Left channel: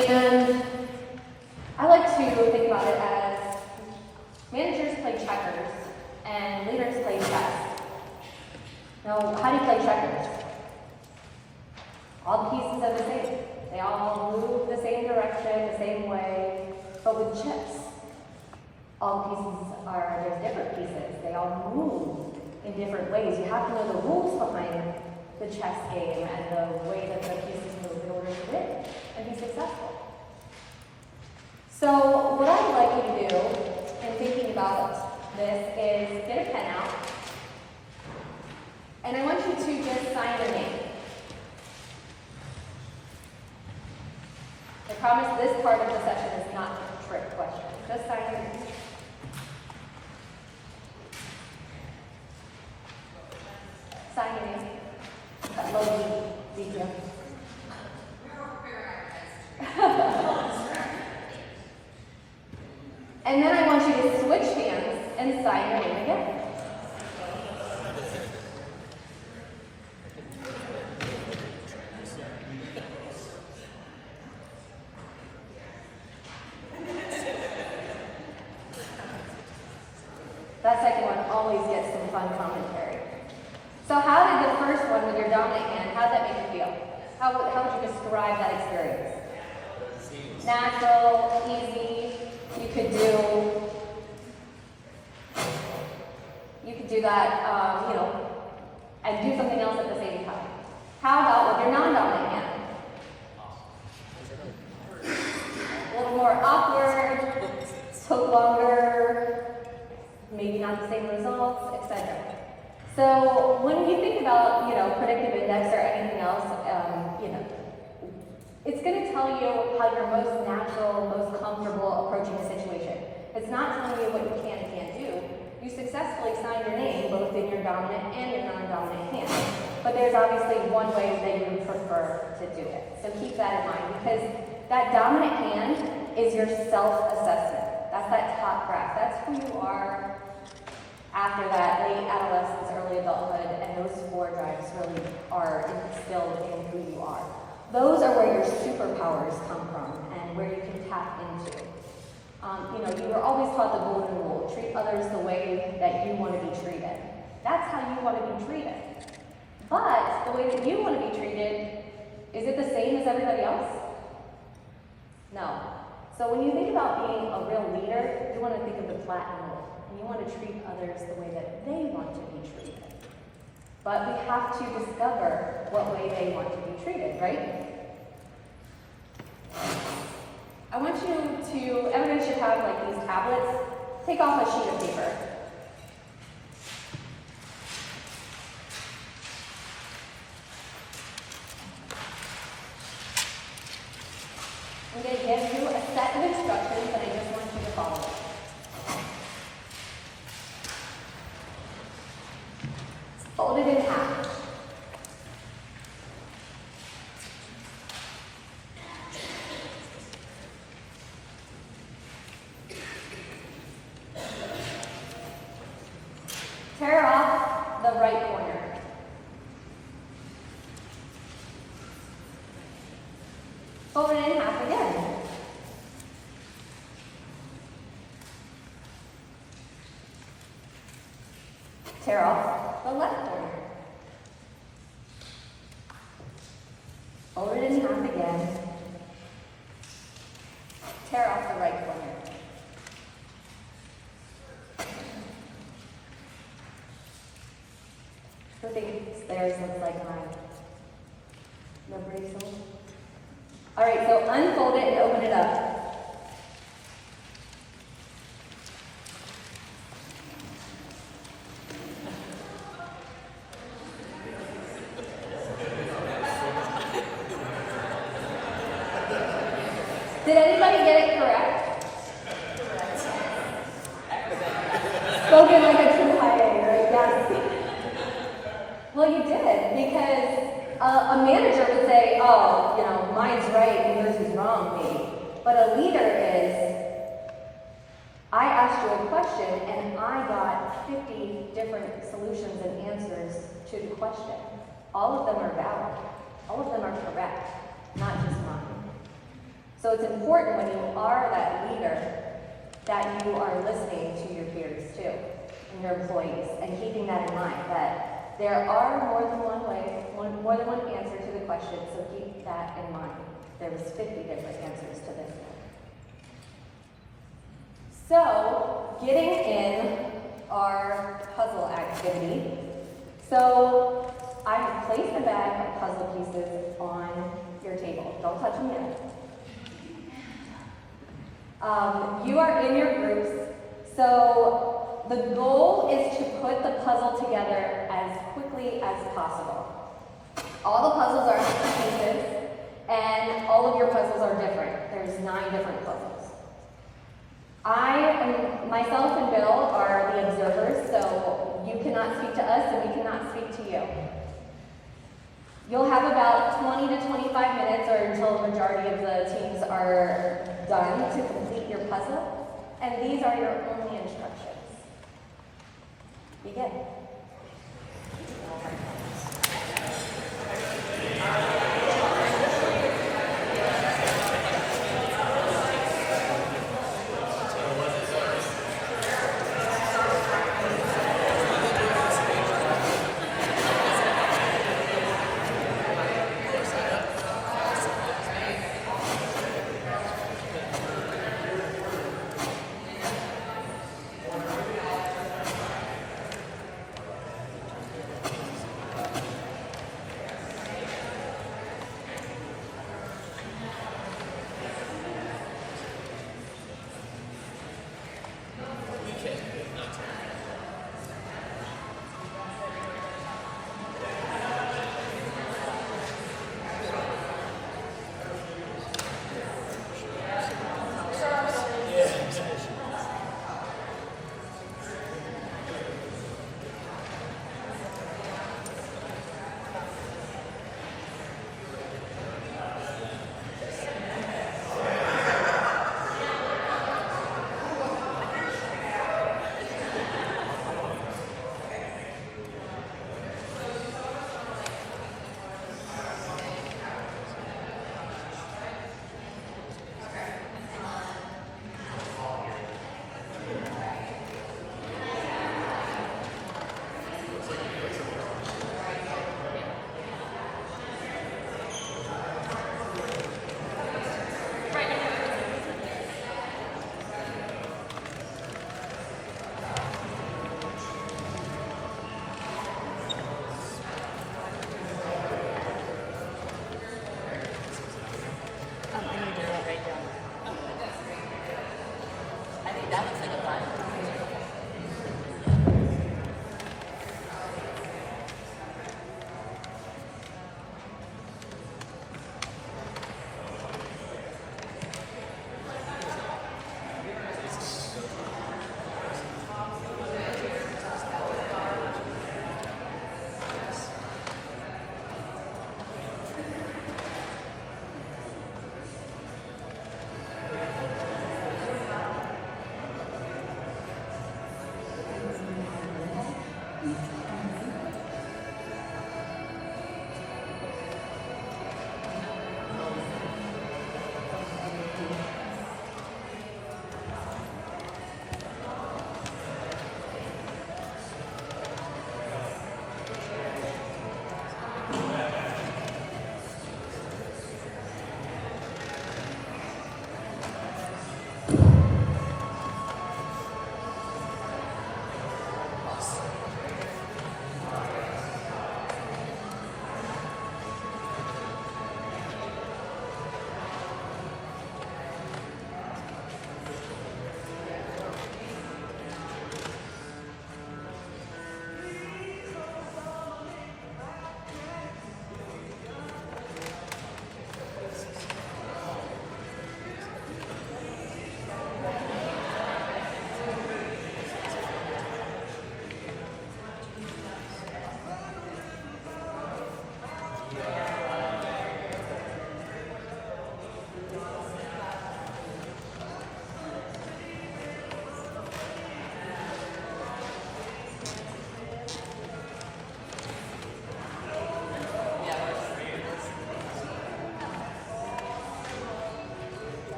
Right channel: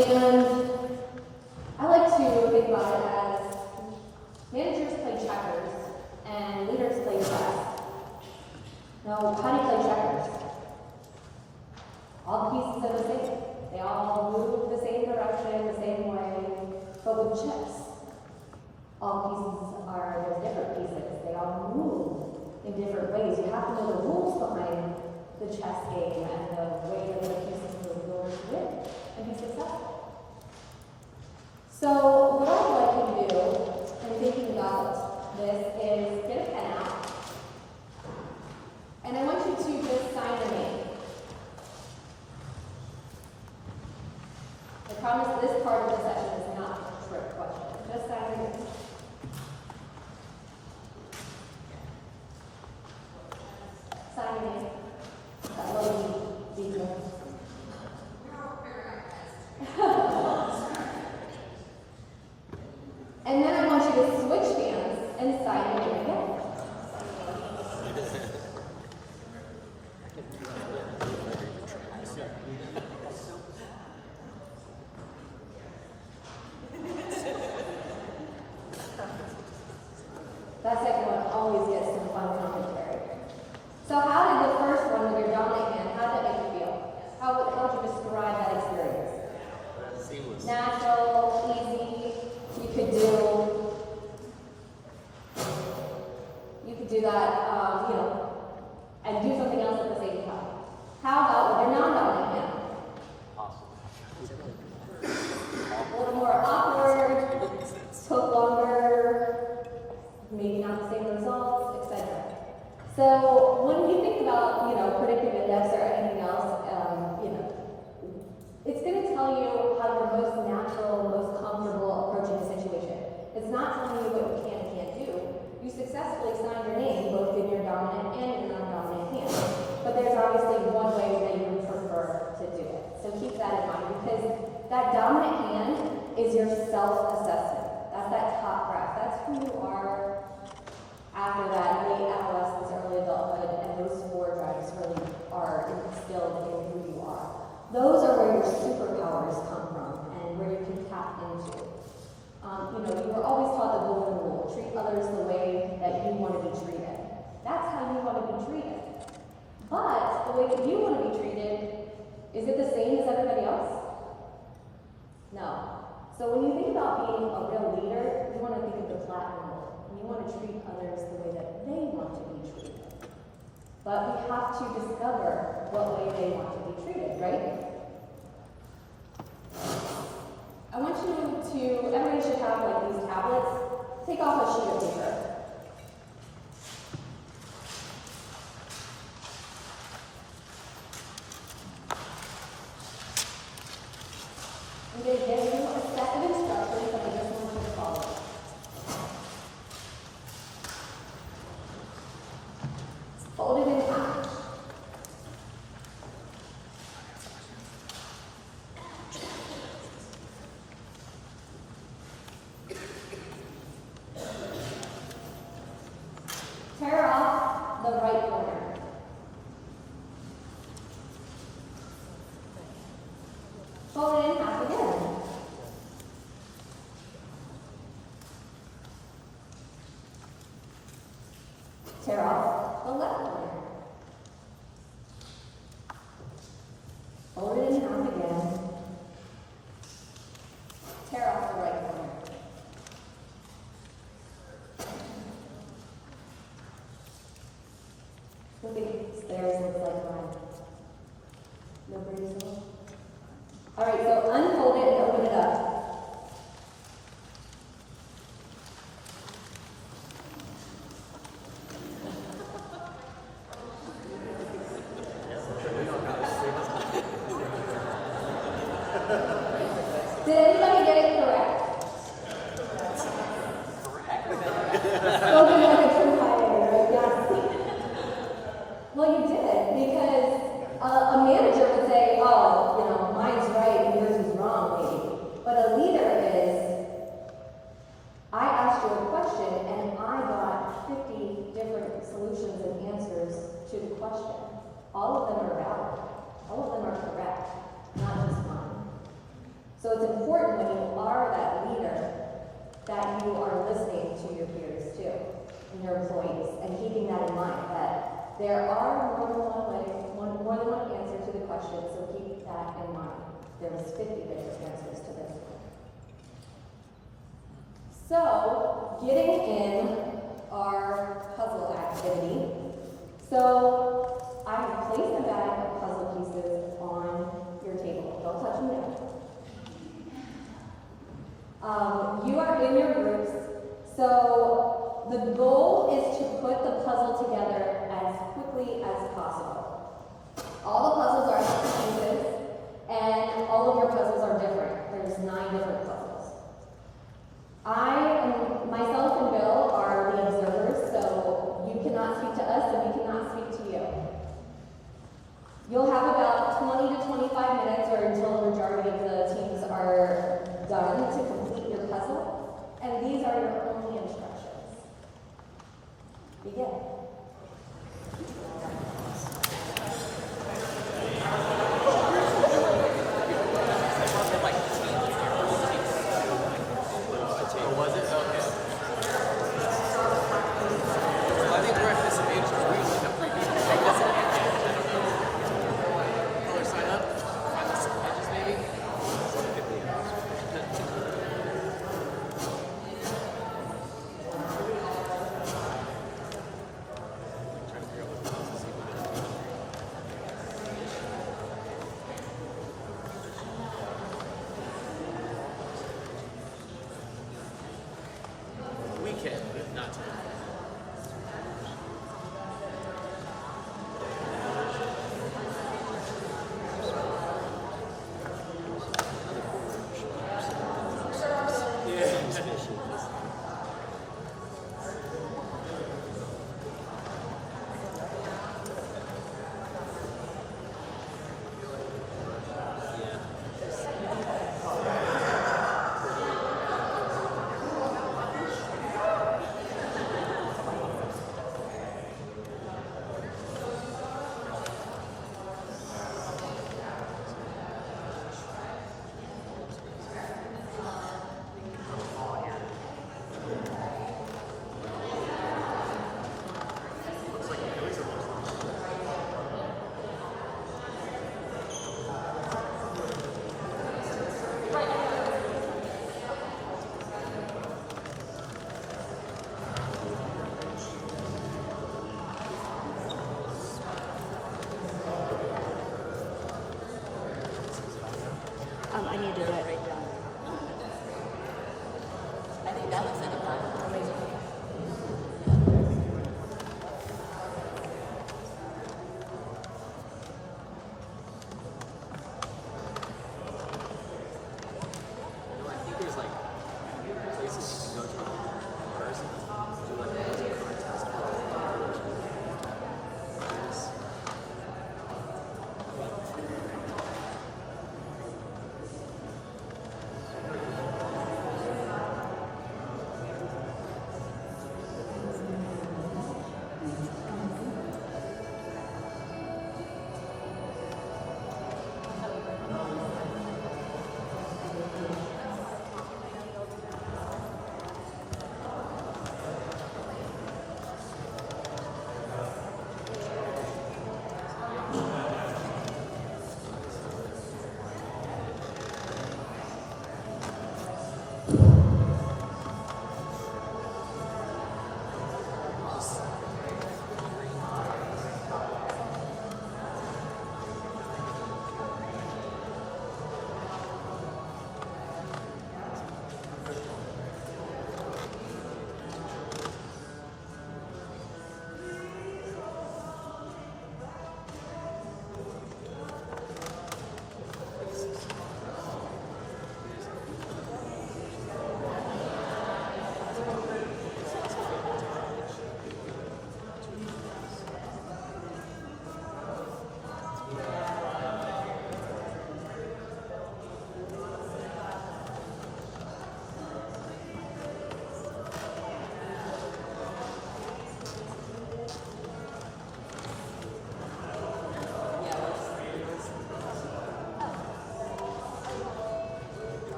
And I like to think about it as managers play checkers and leaders play chess. Now, how do you play checkers? All the pieces are the same. They all move the same direction, the same way, but with chips, all pieces are, there's different pieces. They all move in different ways. You have to know the rules behind the chess game and the way that the pieces move in order to win and be successful. So what I'd like you to do in thinking about this is get a pen out, and I want you to just sign your name. I promise this part of the session is not a trick question. Just sign your name. Sign your name. That low detail. And then I want you to switch hands and sign your name again. That second one always gets some fun commentary. So how did the first one with your dominant hand, how did that make you feel? How would you describe that experience? Natural, easy, you could do that, and do something else at the same time. How about with your non-dominant hand? A little more awkward, took longer, maybe not the same results, etc. So when you think about, predictive index or anything else, it's going to tell you how you're most natural, most comfortable approaching a situation. It's not telling you what you can and can't do. You successfully signed your name both in your dominant and your non-dominant hand. But there's obviously one way that you would prefer to do it. So keep that in mind, because that dominant hand is your self-assessment. That's that top graph. That's who you are after that late adolescence, early adulthood, and those 4 drives really are instilled in who you are. Those are where your superpowers come from and where you can tap into. You were always taught the golden rule: treat others the way that you want to be treated. That's how you want to be treated. But the way that you want to be treated, is it the same as everybody else? No. So when you think about being a real leader, you want to think of the platinum rule. And you want to treat others the way that they want to be treated. But we have to discover what way they want to be treated, right? I want you to, everybody should have like these tablets. Take off a sheet of paper. I'm going to give you a set of instructions that I just want you to follow. Fold it in half. Tear off the right corner. Fold it in half again. Tear off the left corner. Fold it in half again. Tear off the right corner. I think theirs looks like mine. No pretty soul. All right, so unfold it and open it up. Did anybody get it correct? Spoken like a true high A, right? Yes. Well, you did, because a manager would say, oh, mine's right and yours is wrong, maybe. But a leader is, I asked you a question and I got 50 different solutions and answers to the question. All of them are valid. All of them are correct, not just mine. So it's important when you are that leader that you are listening to your peers too, and your employees, and keeping that in mind, that there are more than one way, more than one answer to the question, so keep that in mind. There was 50 different answers to this one. So, getting in our puzzle activity. So, I have placed a bag of puzzle pieces on your table. Don't touch them yet. You are in your groups, so the goal is to put the puzzle together as quickly as possible. All the puzzles are pieces, and all of your puzzles are different. There's 9 different puzzles. Myself and Bill are the observers, so you cannot speak to us and we cannot speak to you. You'll have about 20 to 25 minutes, or until the majority of the teams are done, to complete your puzzle, and these are your only instructions. Begin. I need to write right down. I think that looks like a fun.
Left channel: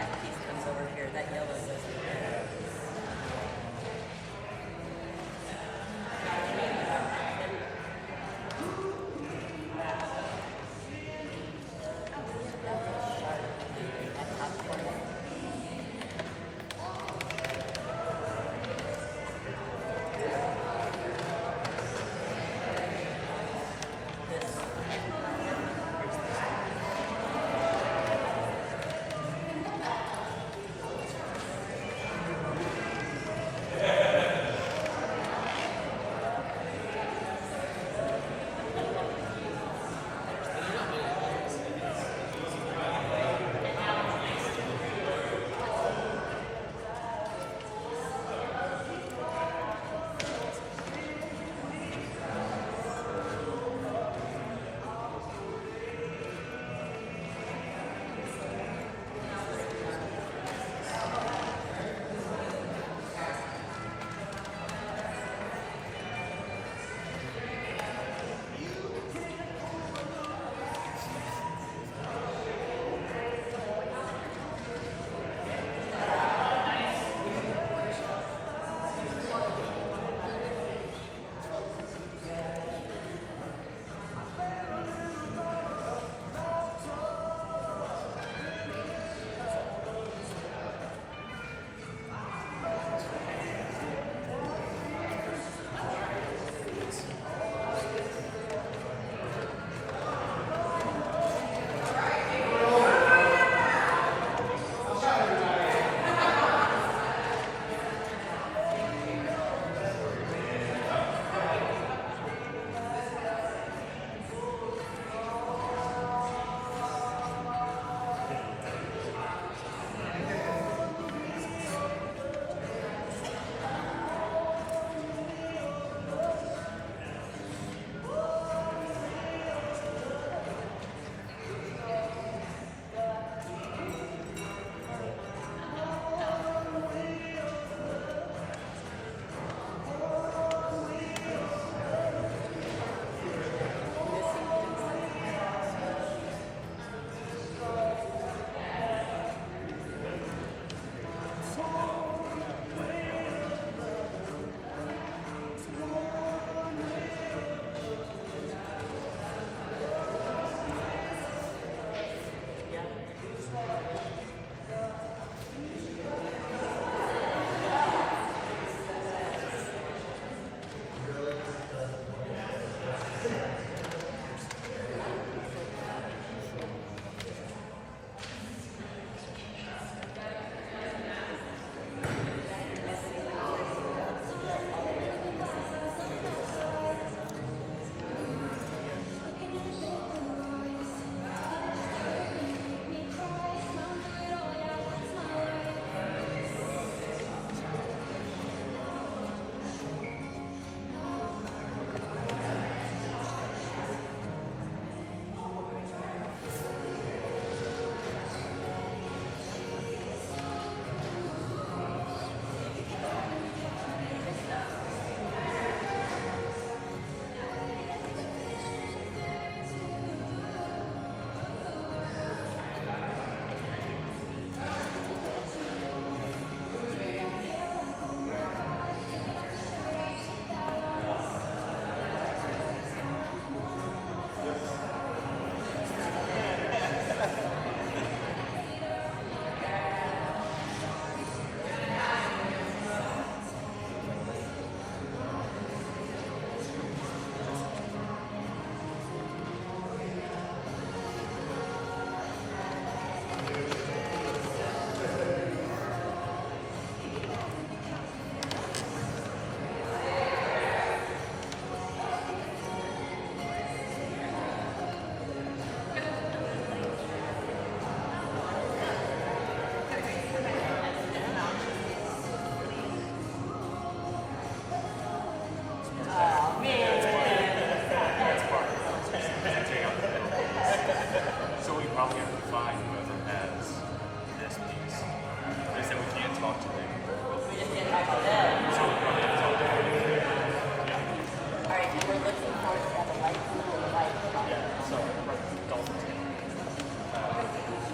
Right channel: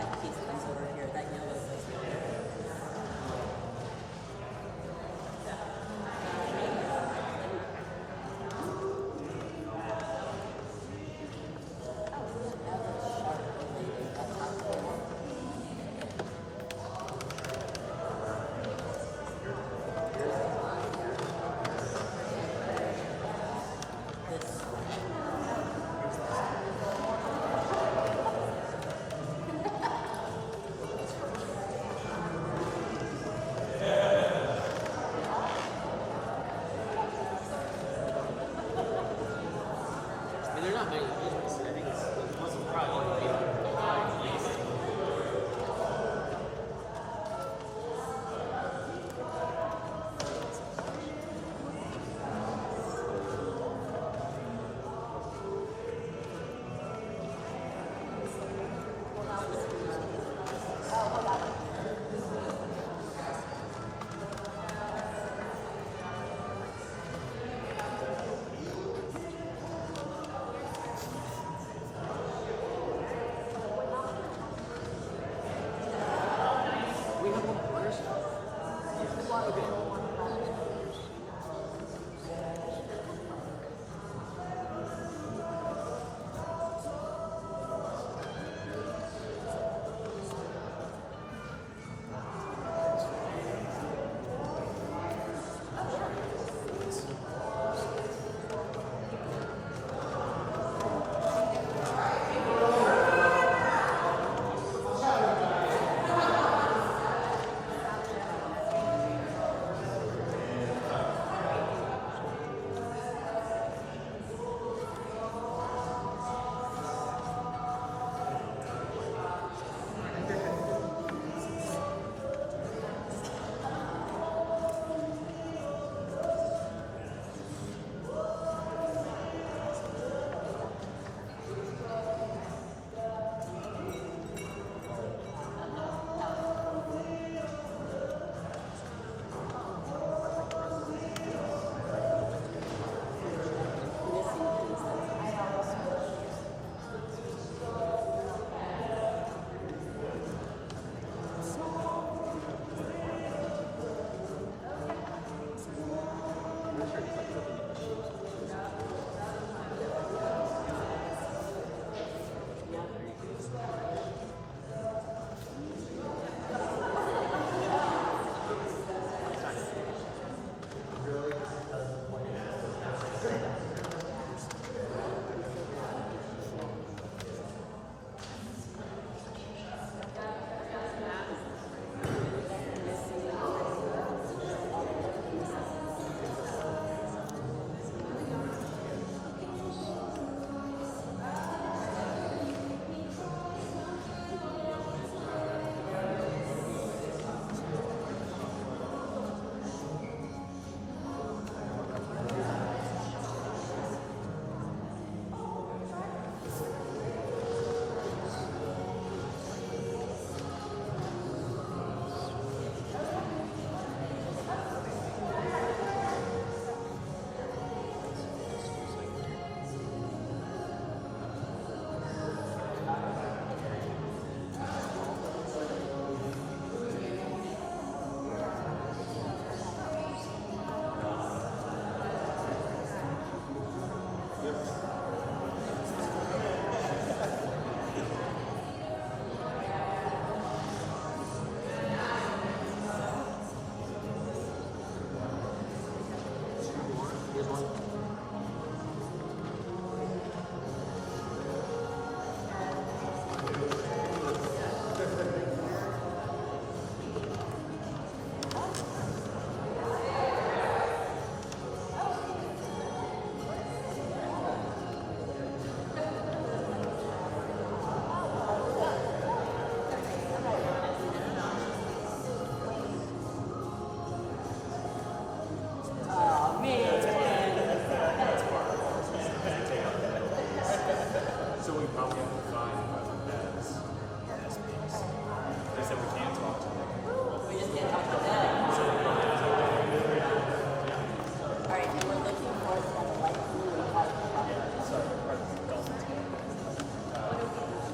that piece comes over here, that yellow goes over here.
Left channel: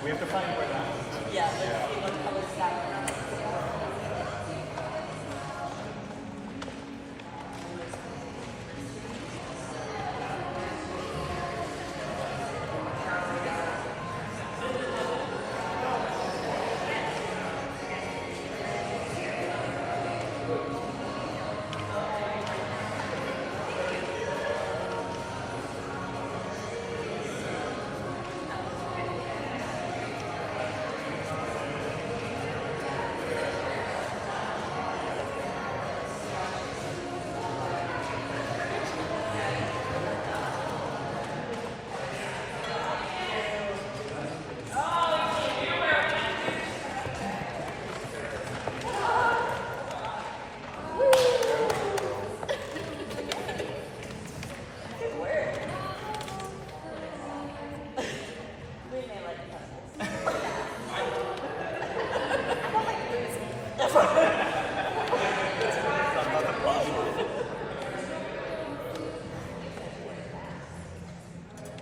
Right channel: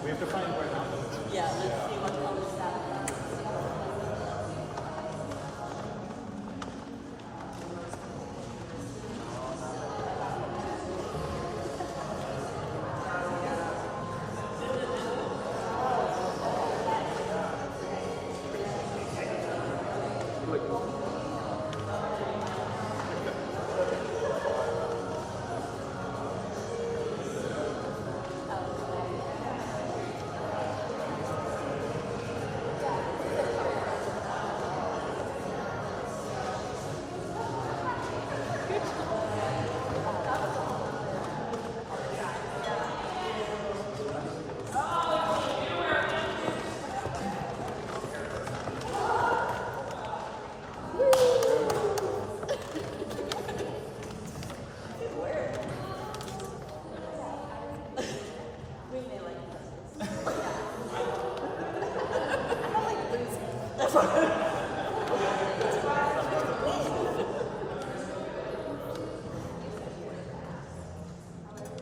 We have to find where that one is. Yeah, let's see what colors that one is.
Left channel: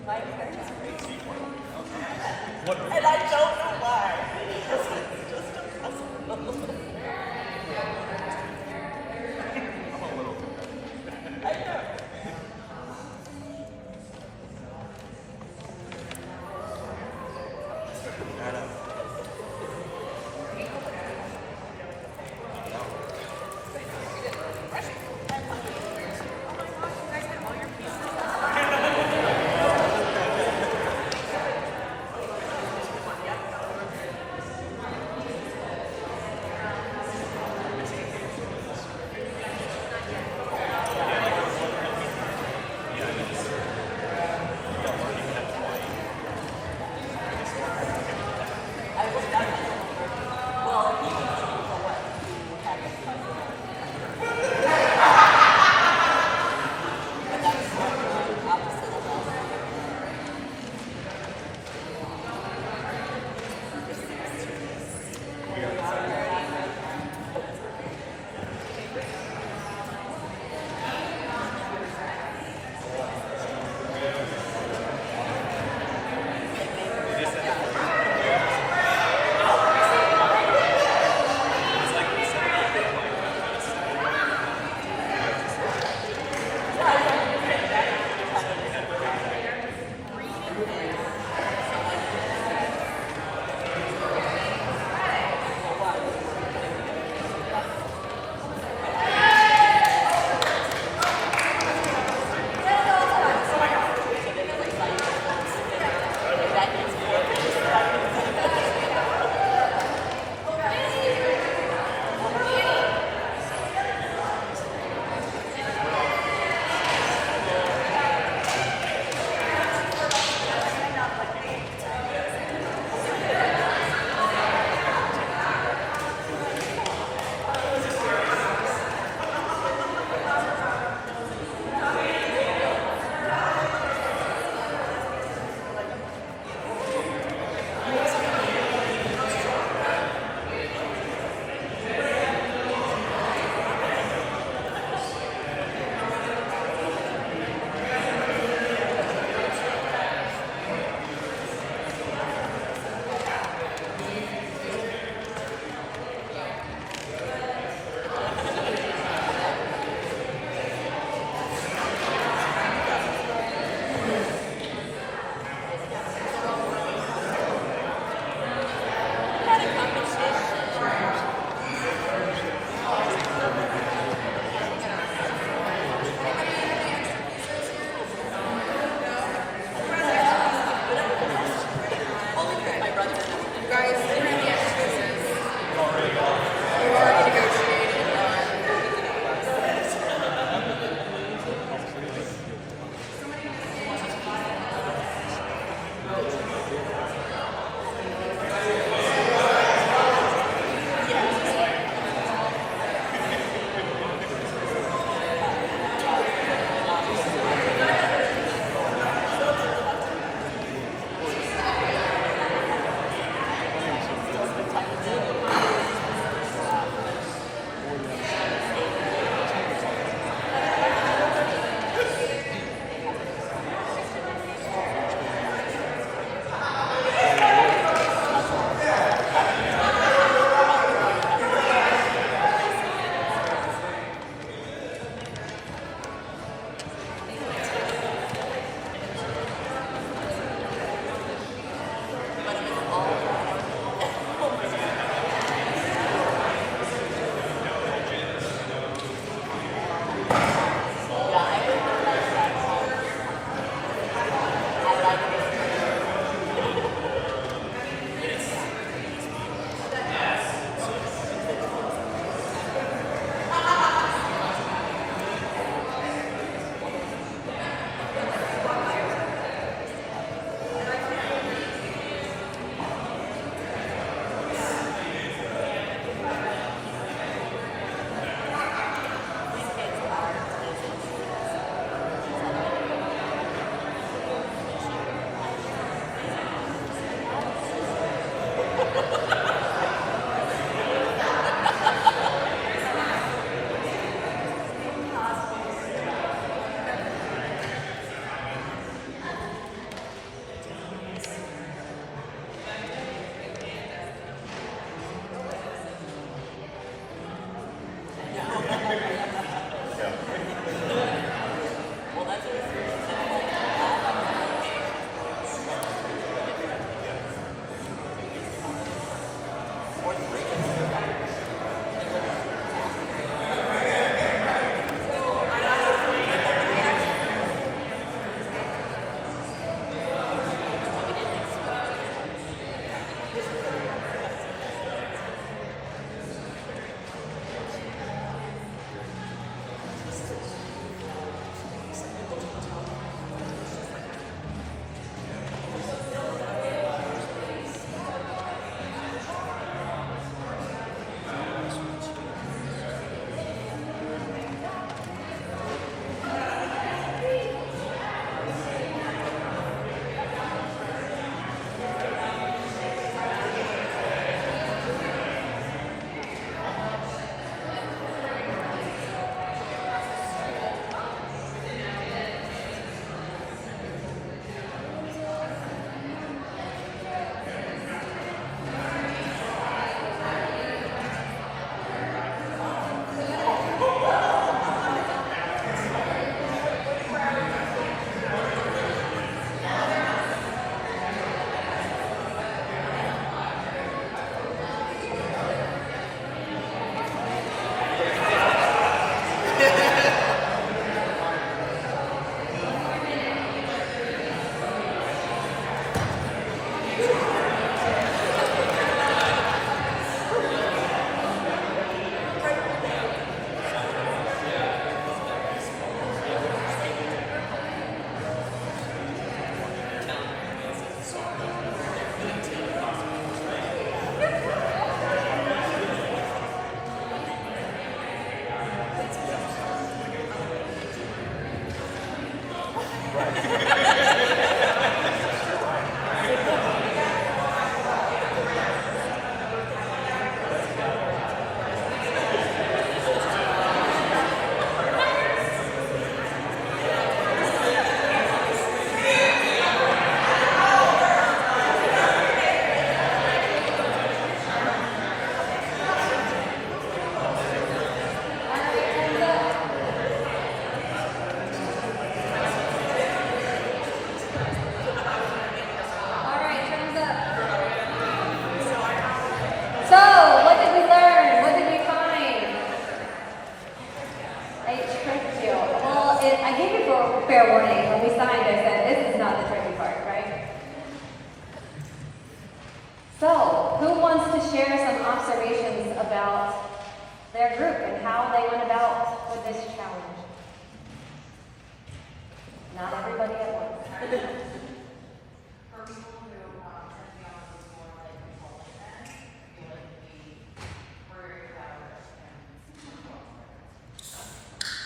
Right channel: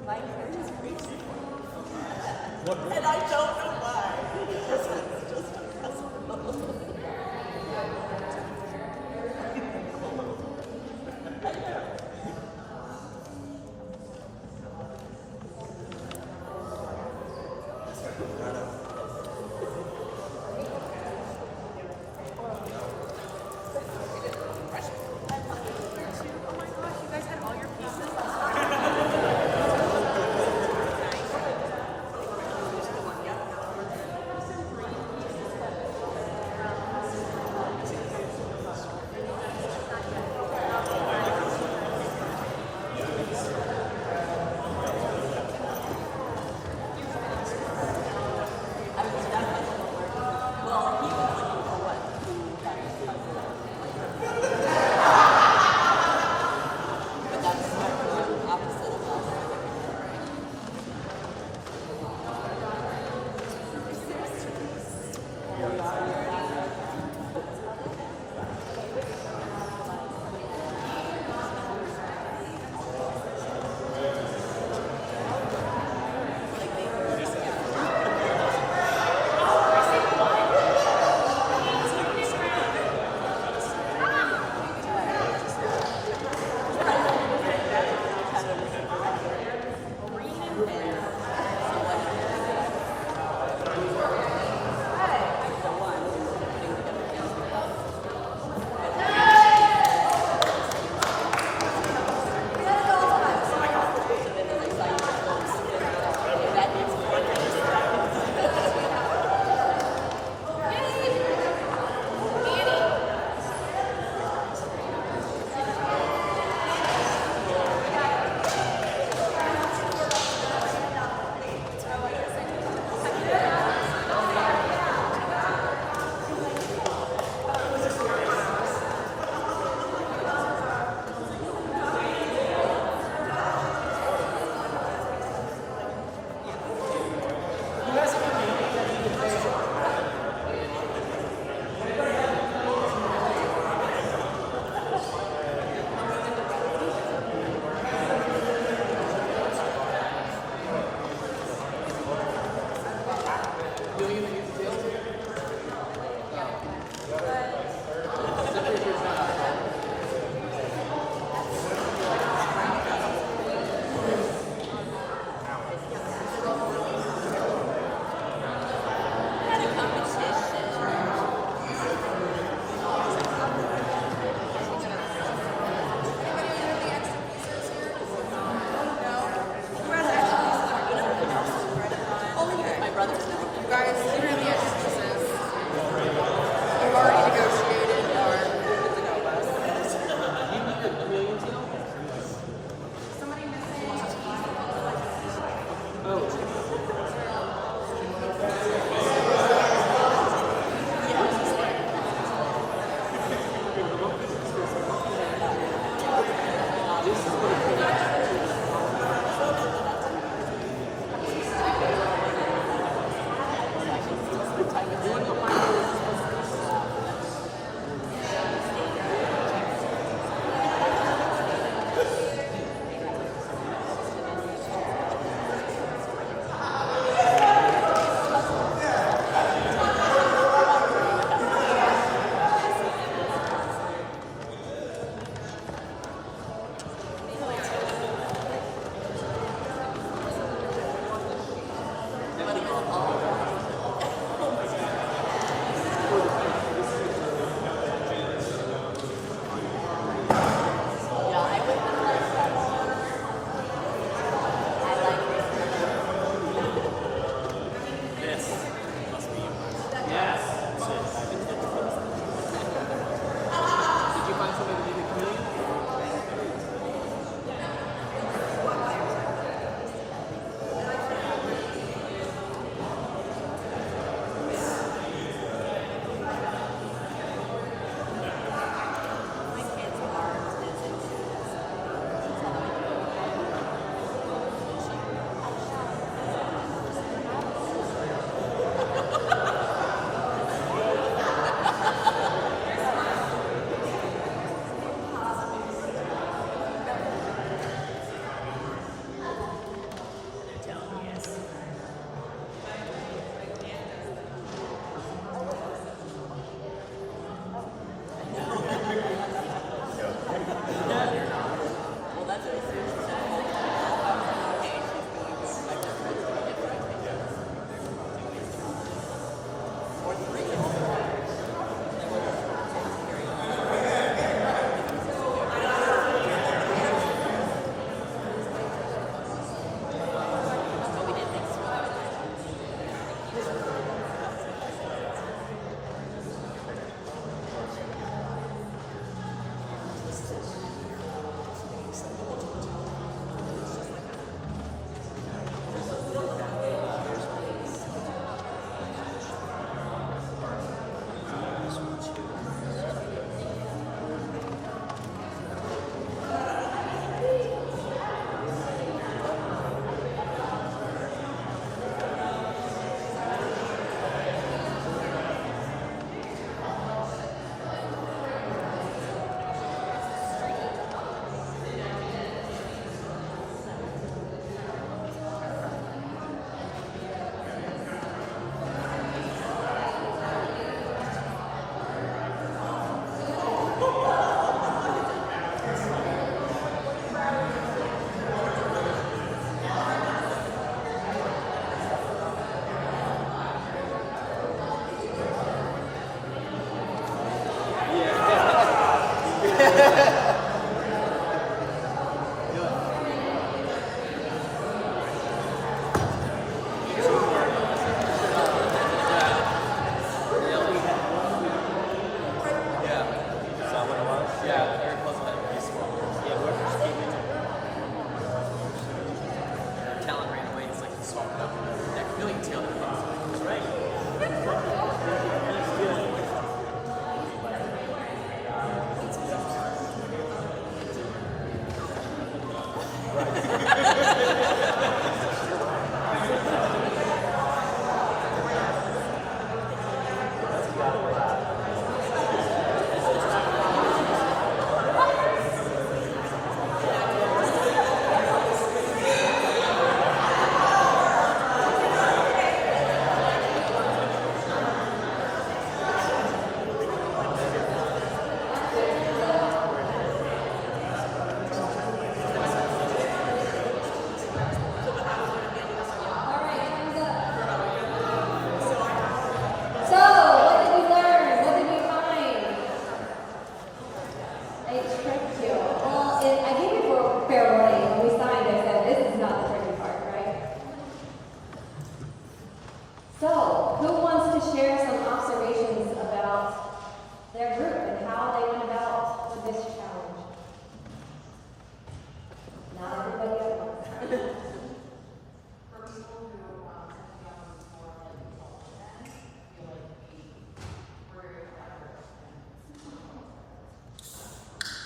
My hair is crazy. And I don't know why. It's just impossible. I know.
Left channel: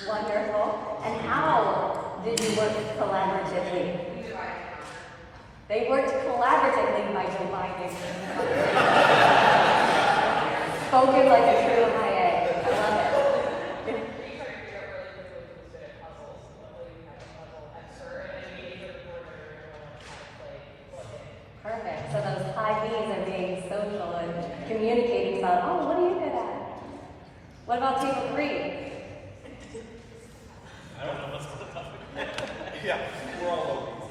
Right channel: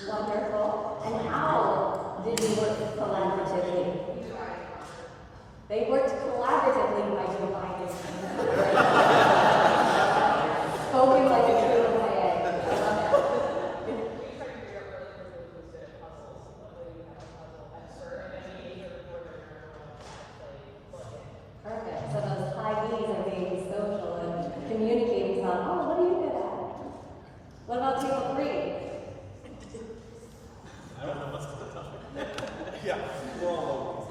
Wonderful. And how did you work collaboratively? They worked collaboratively by combining. Spoken like a true MIA. Perfect. So those high B's are being social and communicating about, oh, what are you good at? What about table 3? I don't know what's the topic. Yeah, we're all low.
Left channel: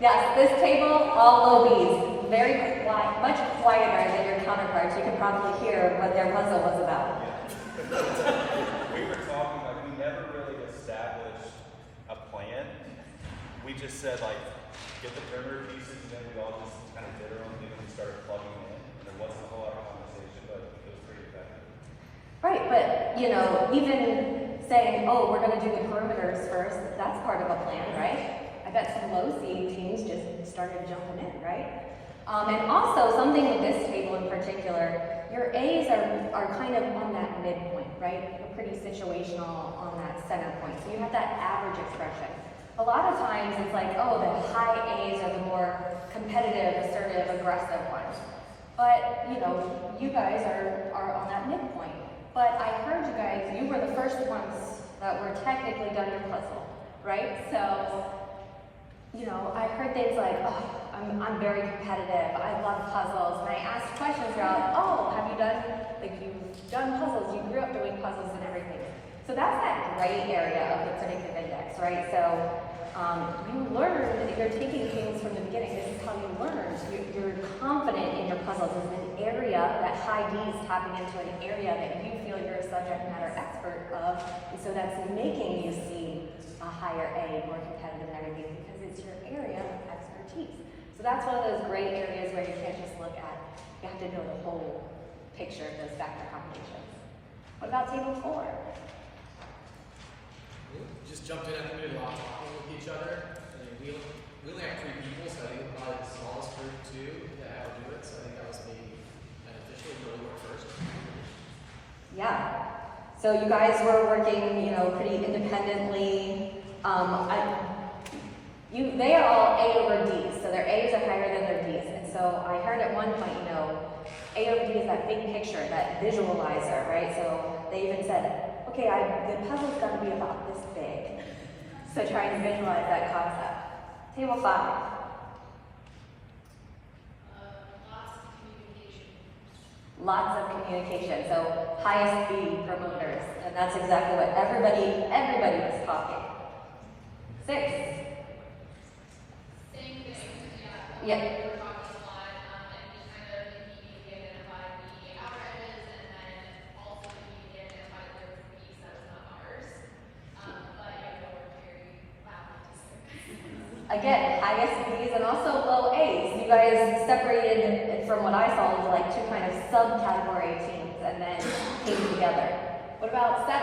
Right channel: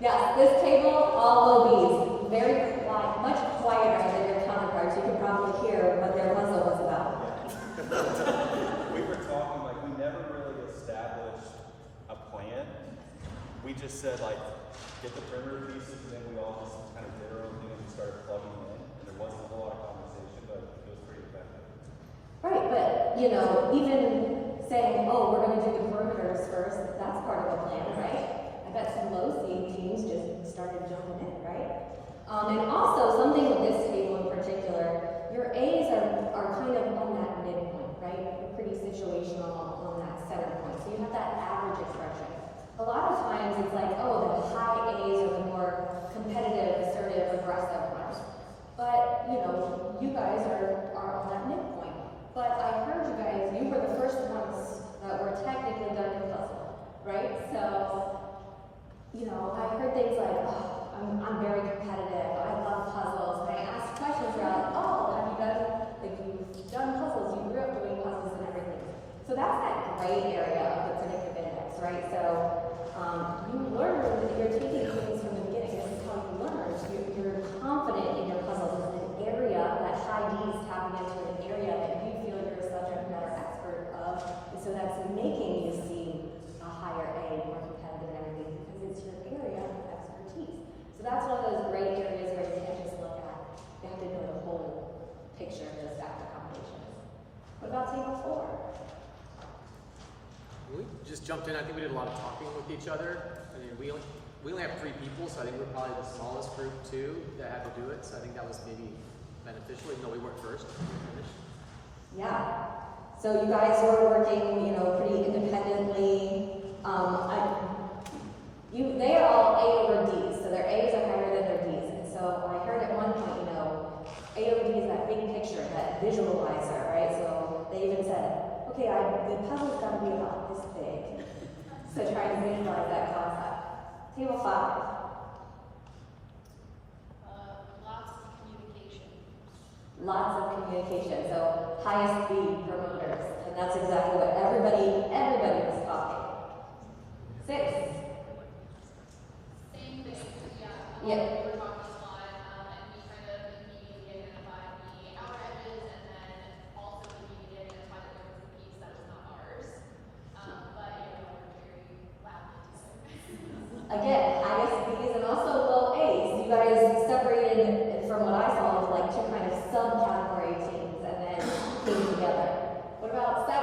Yes, this table, all low B's. Very quiet, much quieter than your counterparts. You can probably hear what their puzzle was about. Yeah. We were talking, like, we never really established a plan. We just said, like, get the perimeter pieces, and then we all just kind of did our own thing and we started plugging in. And there wasn't a whole lot of conversation, but it was pretty effective. Right, but, you know, even saying, oh, we're going to do the perimeters first, that's part of a plan, right? I bet some low seed teams just started jumping in, right? And also, something with this table in particular, your A's are kind of on that midpoint, right? They're pretty situational on that center point. So you have that average expression. A lot of times it's like, oh, the high A's are the more competitive, assertive, aggressive ones. But, you know, you guys are on that midpoint. But I heard you guys, you were the first ones that were technically done your puzzle, right? So, you know, I heard things like, oh, I'm very competitive, I love puzzles, and I asked questions throughout, oh, have you done, like you've done puzzles, you grew up doing puzzles and everything. So that's that gray area of the predictive index, right? So you learned, you're taking things from the beginning, this is how you learned. You're confident in your puzzles. It's an area, that high D is tapping into an area that you feel you're a subject matter expert of, and so that's making you see a higher A, more competitive and everything, because it's your area of expertise. So that's one of those gray areas where you can't just look at, you have to know the whole picture of those factor combinations. What about table 4? We just jumped in. I think we did a lot of talking with each other. I mean, we only have 3 people, so I think we're probably the smallest group too that had to do it. So I think that was maybe beneficial, even though we worked first. Yeah. So you guys were working, you know, pretty independently. They are all A over D's, so their A's are higher than their D's. And so I heard at one point, you know, A over D is that big picture, that visualizer, right? So they even said, okay, the puzzle's got to be about this big. So trying to visualize that concept. Table 5. Lots of communication. Lots of communication. So highest B promoters. And that's exactly what everybody was talking. 6. Same thing, yeah. Yeah. We were talking a lot, and we kind of immediately identified the outer edges, and then also immediately identified that there was a piece that was not ours. But I know we're very loud to say. Again, highest B's and also low A's. You guys separated from what I saw as like 2 kind of subcategory teams and then came together. What about 7?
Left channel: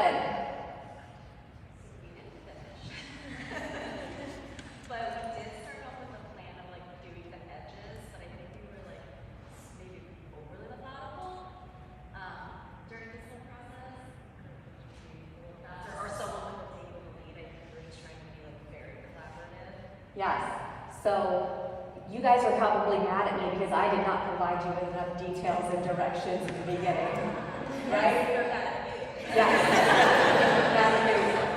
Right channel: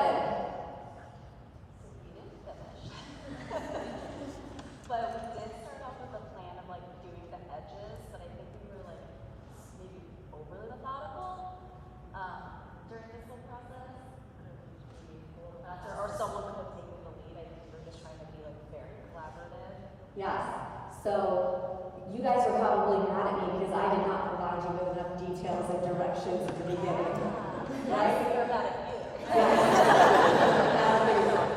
We didn't finish. But we did start off with a plan of like doing the edges, but I think we were like maybe overly methodical during this whole process. Or someone would take the lead. I think we're just trying to be like very collaborative. Yes. So you guys were probably mad at me because I did not provide you with enough details and directions at the beginning. Right? We were mad at you. Yeah.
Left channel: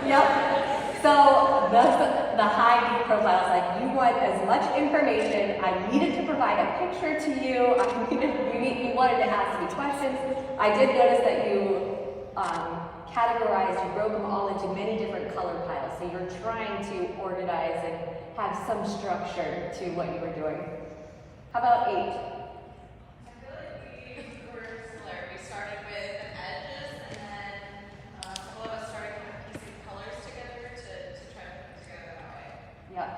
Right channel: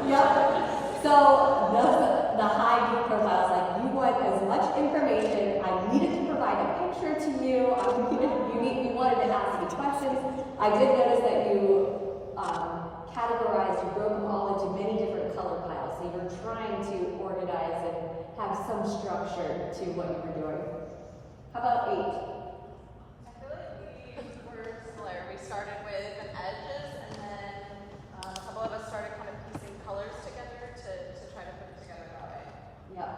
Yep. So the high D profiles, like you want as much information. I needed to provide a picture to you. You wanted to ask me questions. I did notice that you categorized, you broke them all into many different color piles. So you're trying to organize and have some structure to what you were doing. How about 8? I feel like we were similar. We started with edges, and then some of us started kind of piecing colors together to try to put it together that way. Yeah.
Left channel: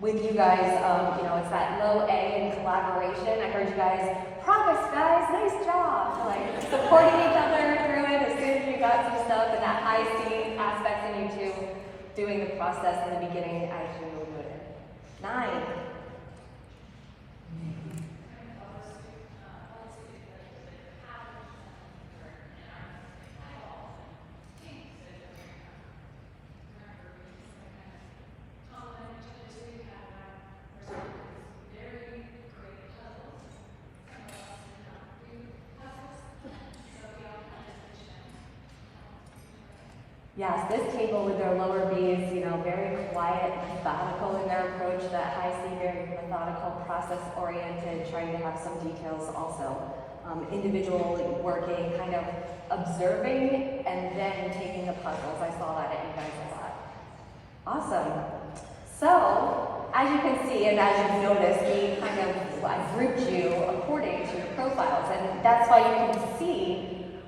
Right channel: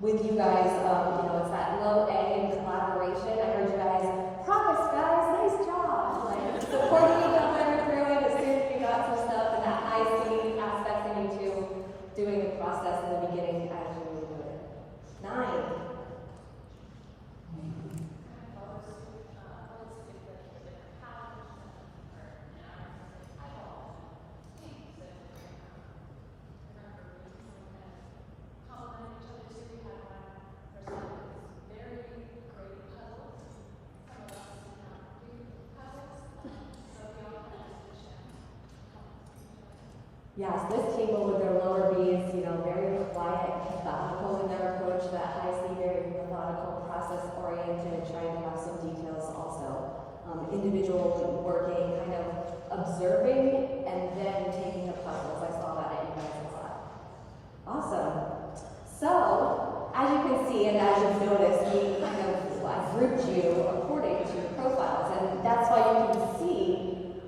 With you guys, you know, it's that low A in collaboration. I heard you guys, progress guys, nice job. Like supporting each other through it as soon as you got some stuff, and that high C aspect in you too, doing the process in the beginning as you noted. 9. Yes, this table with their lower B's, you know, very quiet, methodical in their approach, that high C, very methodical, process-oriented, trying to have some details also. Individual working, kind of observing, and then taking the puzzles. I saw that at you guys a lot. Awesome. So, as you can see, and as you've noticed, we kind of grouped you according to your profiles, and that's why you can see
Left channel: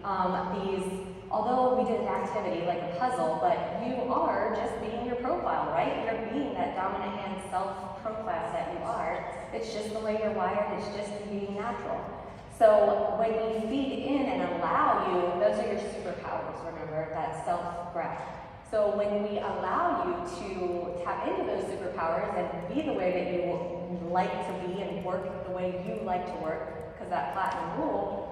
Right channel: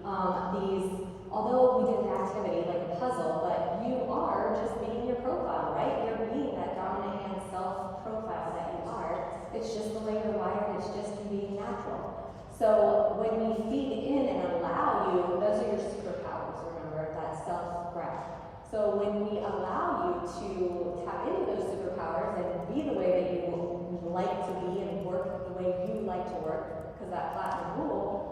these. Although we did an activity like a puzzle, but you are just being your profile, right? You're being that dominant hand self-profile that you are. It's just the way you're wired, it's just being natural. So when we feed in and allow you, those are your superpowers, remember, that self-breath. So when we allow you to tap into those superpowers and be the way that you like to be and work the way you like to work, because that platinum rule,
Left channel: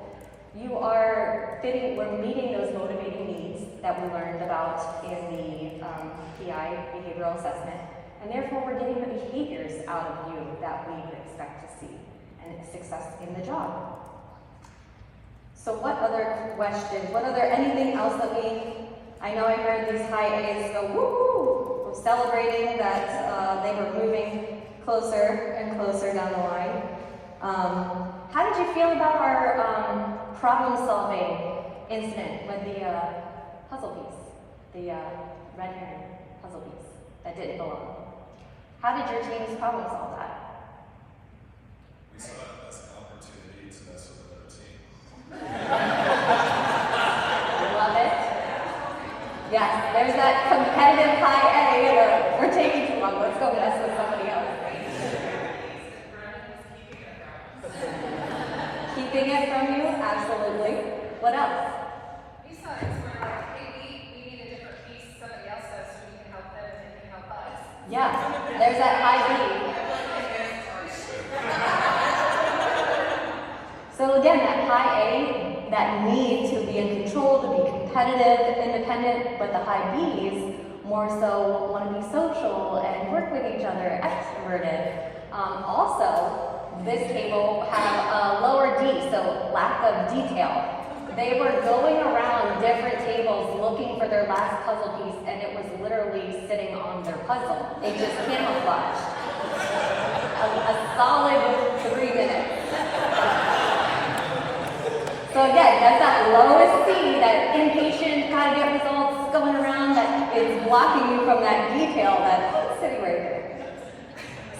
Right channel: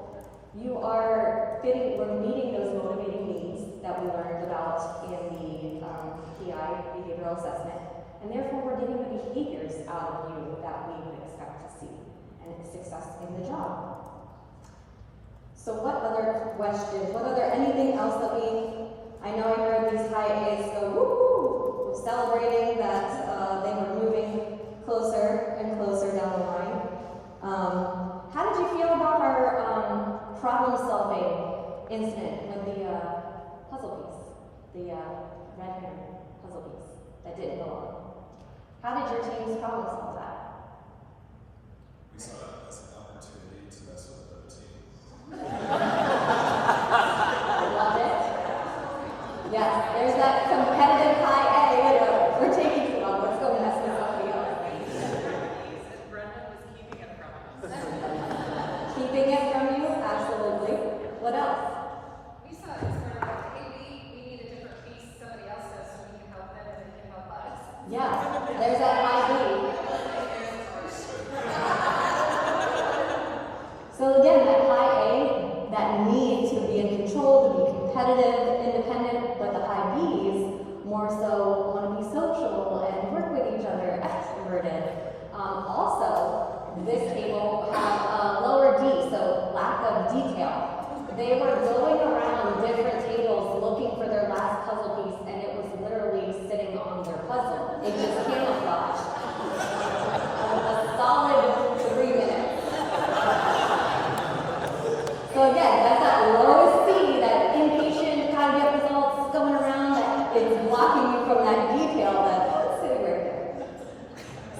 you are we're meeting those motivating needs that we learned about in the PI, behavioral assessment, and therefore we're getting the behaviors out of you that we would expect to see, and success in the job. So what other questions, anything else that I know I heard these high A's go woo-hoo, celebrating that they were moving closer and closer down the line. How did you feel about our problem-solving incident with the puzzle piece, the red herring puzzle piece that didn't belong? How did your teams problem solve that? We saw it as an opportunity to mess with another team. Love it. Yes, there's that competitive high A. We're taking too long. Let's go mess with somebody else. Keeping it from you? Absolutely. What else? We saw it sort of like, hey, we need a different piece somebody else does so we can help them and they can help us. Yeah, there's that high B. So again, that high A, that need to be in control, to be competitive, independent, but the high Bs more so want to be social and work with each other, extroverted. Also, this table had a lower D, so lack of detail. They were going around different tables looking for their last puzzle piece, and it was literally sitting on their puzzle. They just camouflaged. A solid 3 minutes. So again, that's that lowest C, that impatient, gotta get results going around, that is blocking you from that detail that's sitting right there.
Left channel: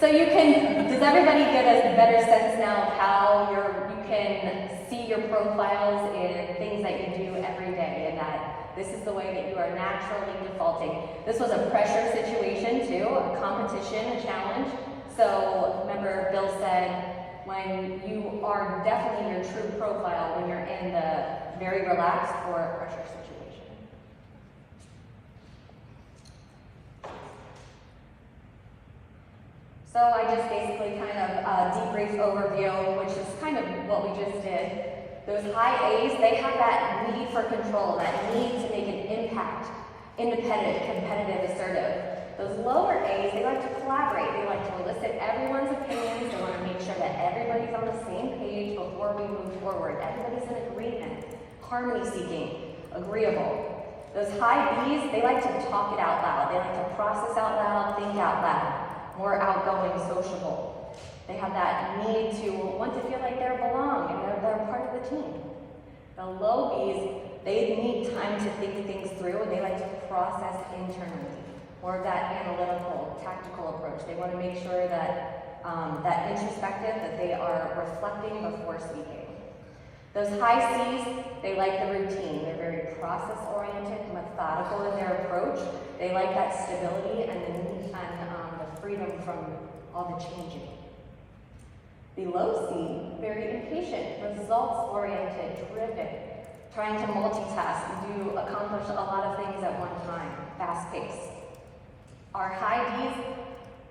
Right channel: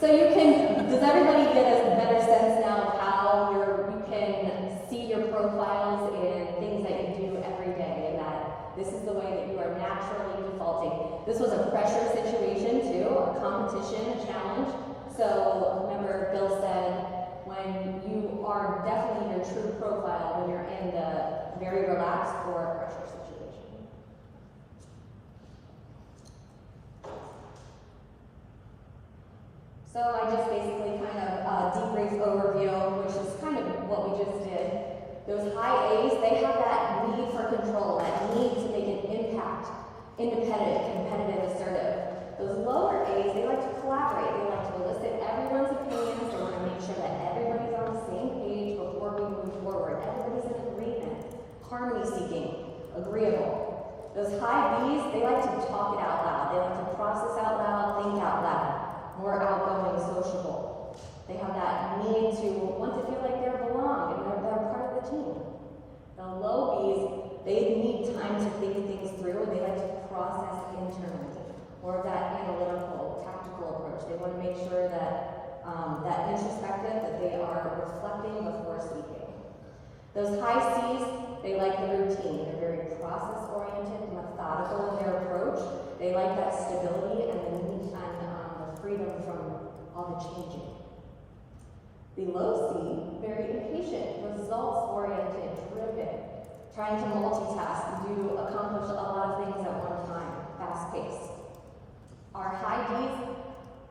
So does everybody get a better sense now of how you can see your profiles in things that you do every day, and that this is the way that you are naturally defaulting? This was a pressure situation too, a competition, a challenge. So remember Bill said, when you are definitely your true profile when you're in the very relaxed or pressure situation. So I just basically kind of debrief overview, which is kind of what we just did. Those high A's, they have that need for control, that need to make an impact, independent, competitive, assertive. Those lower A's, they like to collaborate. They like to elicit everyone's opinions. They want to make sure that everybody's on the same page before we move forward. Everybody's in agreement, harmony seeking, agreeable. Those high B's, they like to talk it out loud. They like to process out loud, think out loud. More outgoing, sociable. They have that need to want to feel like they belong and they're part of the team. The low B's, they need time to think things through, and they like to process internally. More of that analytical, tactical approach. They want to make sure that that introspective, that they are reflecting before speaking. Those high C's, they like the routine. They're very process-oriented, methodical in their approach. They like that stability and the freedom from all the changing. The low C, very impatient, results-oriented, driven, trying to multitask and accomplish a lot of things at one time, fast-paced. Our high D's,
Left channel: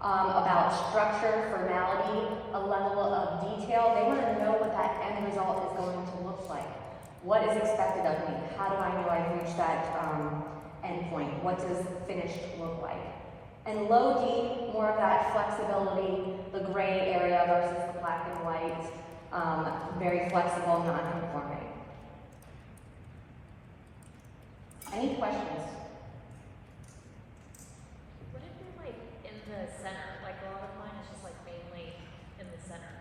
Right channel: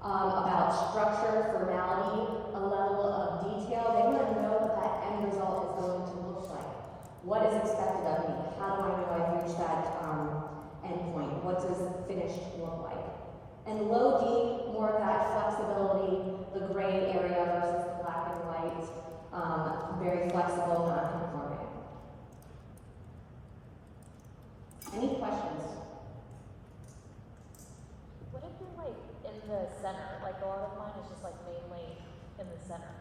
about structure, formality, a level of detail. They want to know what that end result is going to look like. What is expected of me? How do I know I've reached that end point? What does finished look like? And low D, more of that flexibility, the gray area versus the black and white, very flexible, non-conforming. Any questions? What if you're like in the center? Like a lot of mine is just like mainly in the center.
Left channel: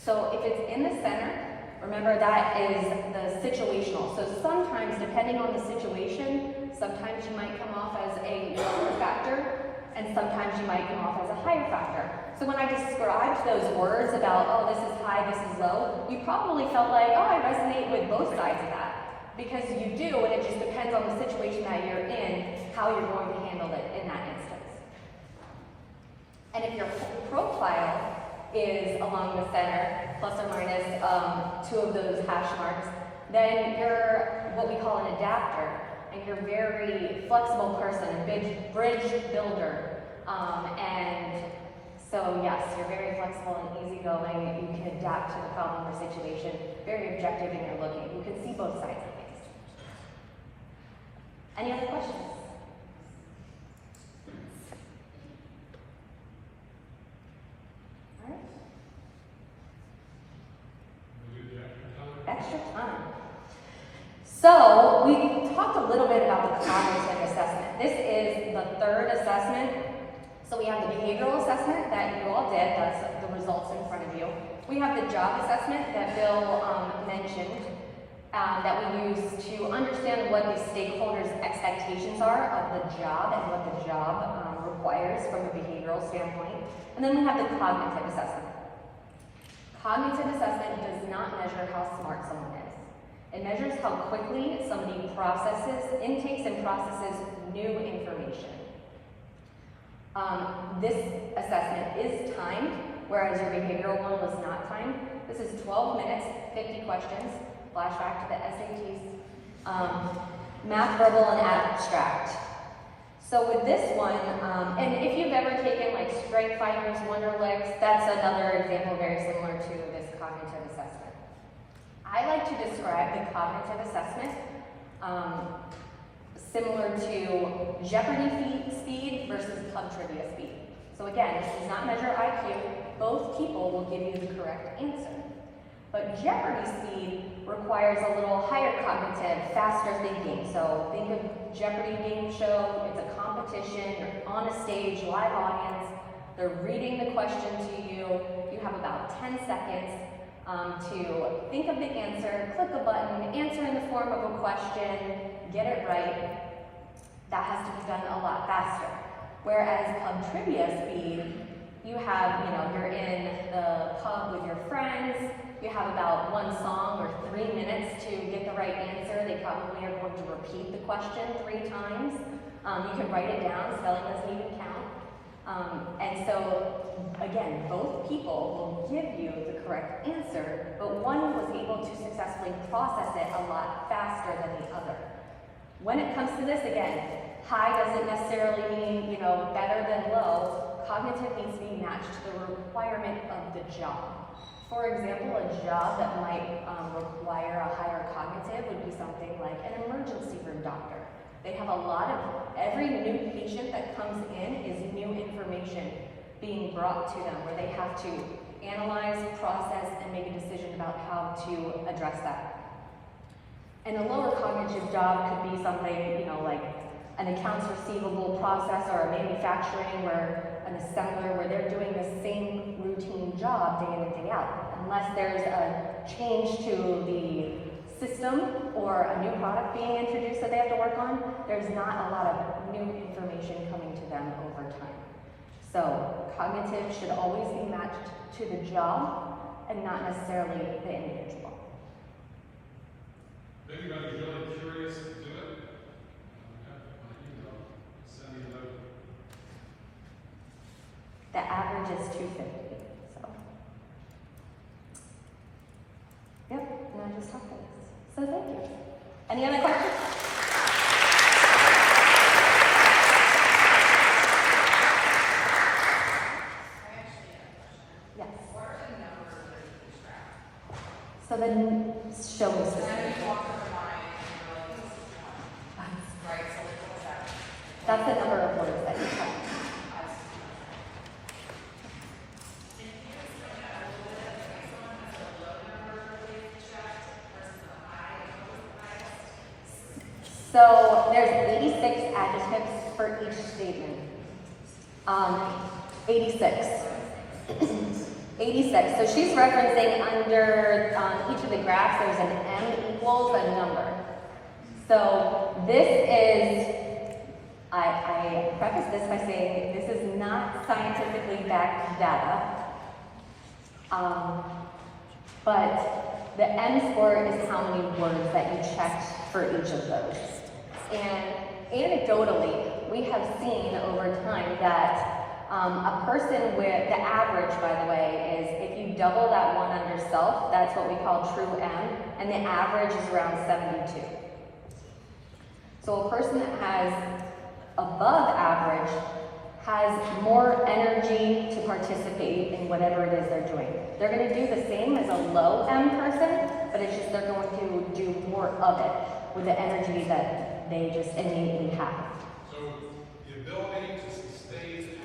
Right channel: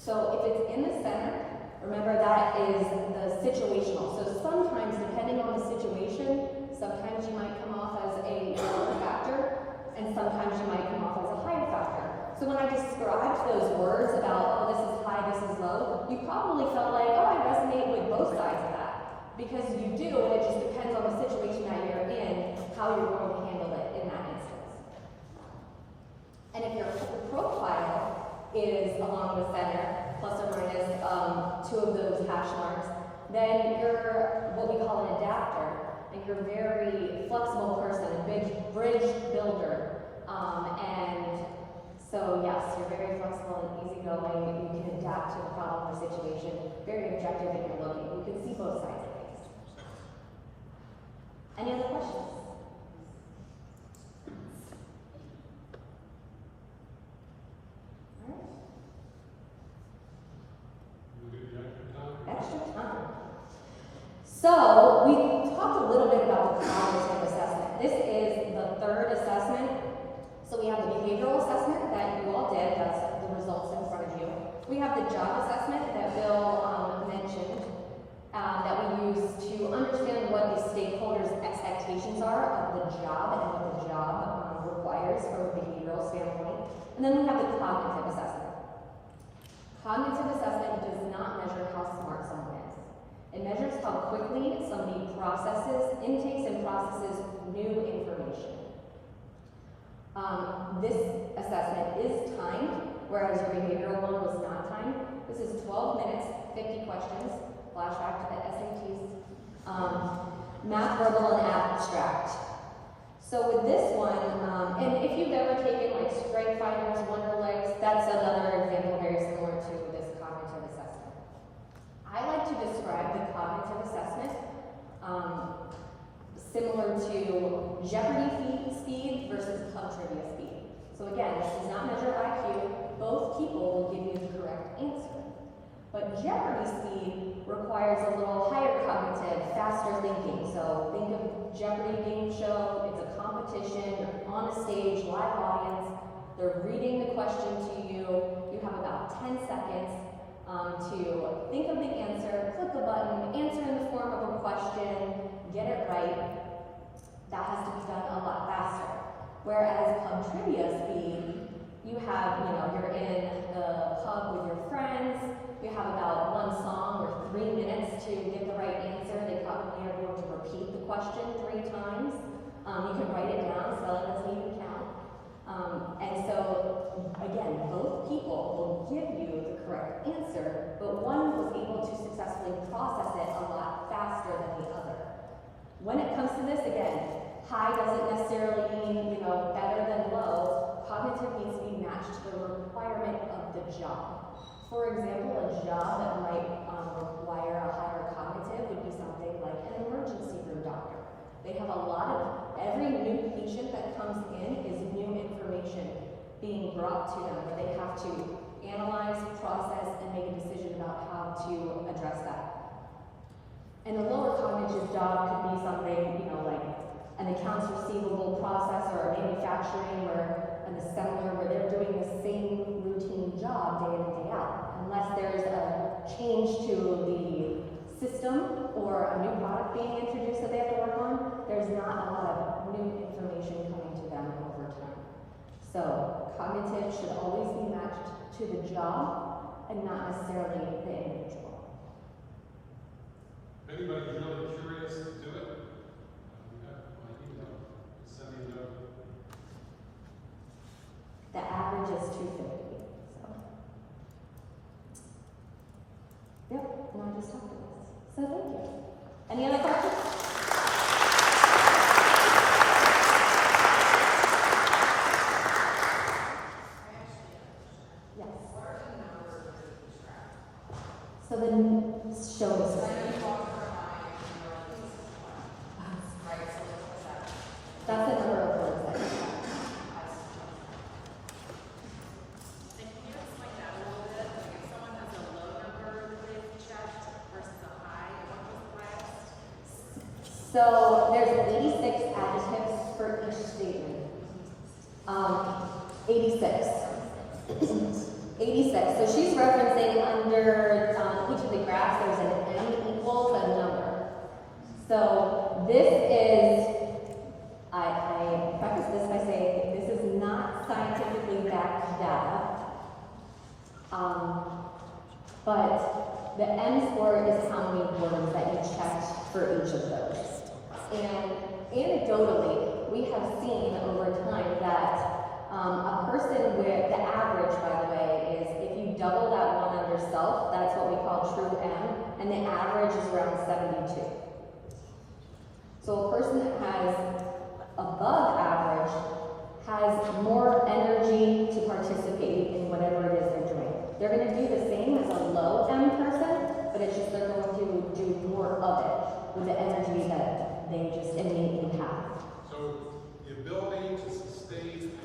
So if it's in the center, remember that is the situational. So sometimes, depending on the situation, sometimes you might come off as a lower factor, and sometimes you might come off as a higher factor. So when I described those words about, oh, this is high, this is low, you probably felt like, oh, I resonate with both sides of that. Because you do, and it just depends on the situation that you're in, how you're going to handle it in that instance. And if your profile is along the center, plus or minus 2 of those hash marks, then you're what we call an adapter, and you're a very flexible person, a bridge builder. And so yes, you're very flexible and easygoing. You can adapt to the problem or situation, very objective in your looking. You can see both sides of things. Any other questions? So we talked a little bit about the cognitive assessment. This is the third assessment. So we have the behavioral assessment that you all did, that's the results in front of you. We have the job assessment that Bill mentioned, that we use to understand what the stakeholders' expectations are of the job and what the job requires from a behavioral standpoint. And then we have the cognitive assessment. Cognitive assessment does not measure how smart someone is. It measures how quickly somebody intakes and processes new information. This assessment is timed, whereas your behavioral one was not timed. This is 12 minutes, 50 questions, flashback to the SATs, math, verbal, and abstract. So with this one, and if you've ever taken like Strength Finders, Wonderlicks, that's another example very similar to this cognitive assessment. I like to describe the cognitive assessment similar to Jeopardy speed versus pub trivia speed. So again, this does not measure IQ. Both people will give you the correct answer. But Jeopardy speed requires a little higher cognitive, faster thinking. So think of Jeopardy game show, it's a competition, you're on a stage, live audience, they're reading the question to you. You have about 10 seconds to think of the answer, click a button, answer in the form of a question, get it right. That has to be done a lot faster. Whereas pub trivia speed, you have, you're in the pub with your friends, you have about one song or 3 minutes to get the right answer. They probably are going to repeat the question 3 times. You can write it down, spelling doesn't even count. And so, again, both people will give you the correct answer, but one was able to successfully process it a lot faster than the other. When it comes to this, again, high doesn't necessarily mean, better than low. Cognitive needs to be matched to the requirement of the job. For example, a job that might require a higher cognitive would be something like an emergency room doctor. They have every new patient that comes in is new information being brought to them where they have to analyze, process, and make a decision about how to address that. And a lower cognitive job could be something, like an accounts receivable process or a manufacturing or an assembler where they're doing the same routine job day in and day out. Unless there's a change to the system or a new product being introduced that they have to work on, there's not a lot of new information coming to them over time. So cognitive should always be matched to the job and not necessarily the individual. If anybody's really curious to do it, send me a note. The average is 250. So, yep, and I just talked to this. So thank you. Any other questions? Yes. So then show us. That's the number of words that you have. So there's 86 adjectives for each statement. 86. 86. So she's referencing under each of the graphs, there's an M equals a number. So this is, I preface this by saying this is not scientifically backed data. But the M score is how many words that you checked for each of those. And anecdotally, we have seen over time that a person with, the average, by the way, is if you double that one under self, that's what we call true M, and the average is around 72. So a person that has above average has more energy to participate in whatever it is they're doing. They're going to do the same as a low M person, but it's just they're going to do more of it with the energy that they just innately have. So the ability to sustain